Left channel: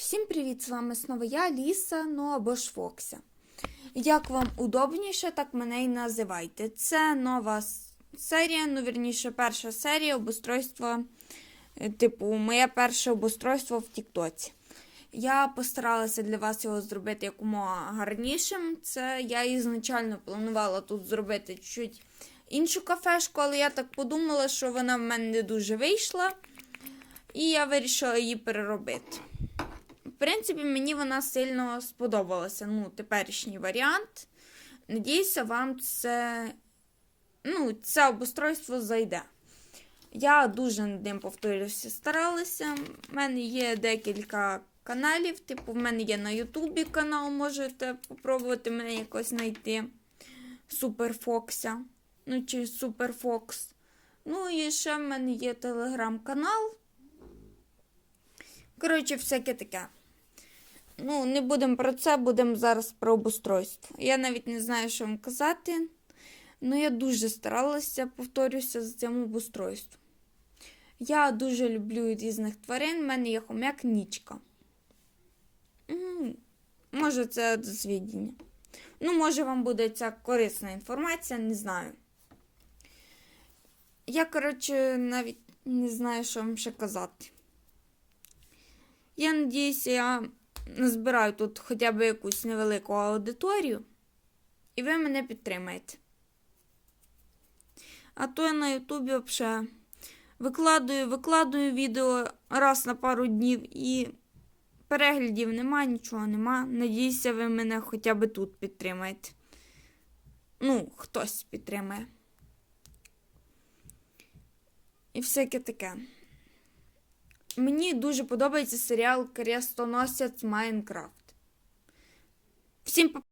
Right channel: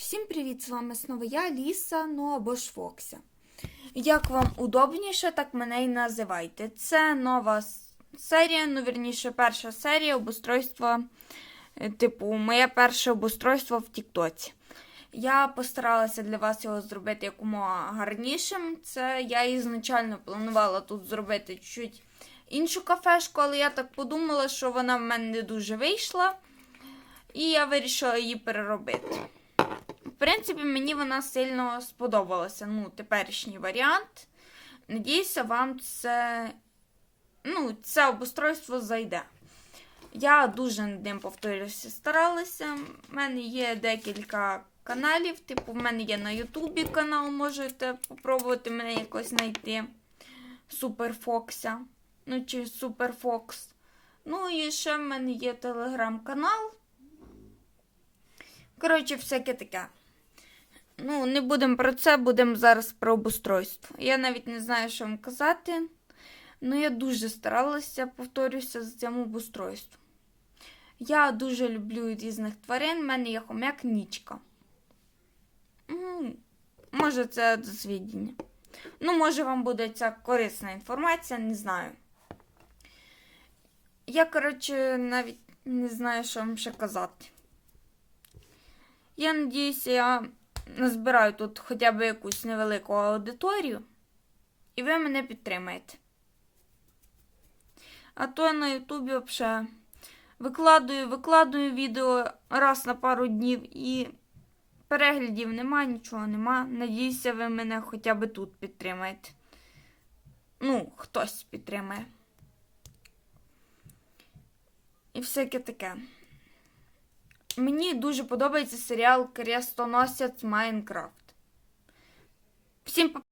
Всім привіт! З вами знову я, Ліса, ну або ж Фокся. Як вам удобніше, так мене і називайте. Це нова серія, ну вірніше, перша серія обустройства, е, типу, моє перше обустройство в Тіктоці. Я постаралася для вас його зробити якомога гарнішим. Це я ізначально планувала тут зробити чуть іншу кафешку, але я так подумала, що вона в мене не дуже вийшла, і я вирішила її переробити. В принципі, мені вона сильно сподобалася. Ну, теперішній варіант. Надіюся, вам це, ну, це обустройство зайде. Я дуже над ним повторюся, старалася. У мене є декілька каналів. Типу, в мене є на Ютубі канал, можете попробувати мене якось знайти. Суперфокся. Ну, чи Суперфокс. Ну, і ще в мене є телеграм-канал. Коротше, всяке таке. Ну, не будемо про це, будемо зараз про обустройство. Я навіть не знаю, що вам казати. Ну, я дуже старалася, повторюся, з цим обустройством. Я дуже люблю різних тварин. У мене є хомяк нічка. Може, це до. Ну, може, вам буде ця корисна інформація, не знаю. Я, коротше, навіть не знаю, що вам ще казати. Я надіюся, я назбираю тут хоча б якусь невелику аудиторію, і ви мене підтримаєте. А то я на Ютубі взагалі викладую, викладую відео раз на пару днів і переглядів нема, нічого нема. Надіюся, ви мене хоча б тут підтримаєте. Ну, хтось підтримає. І всяке таке. Мені дуже подобається серіал Крестоносець Майнкрафт. Всім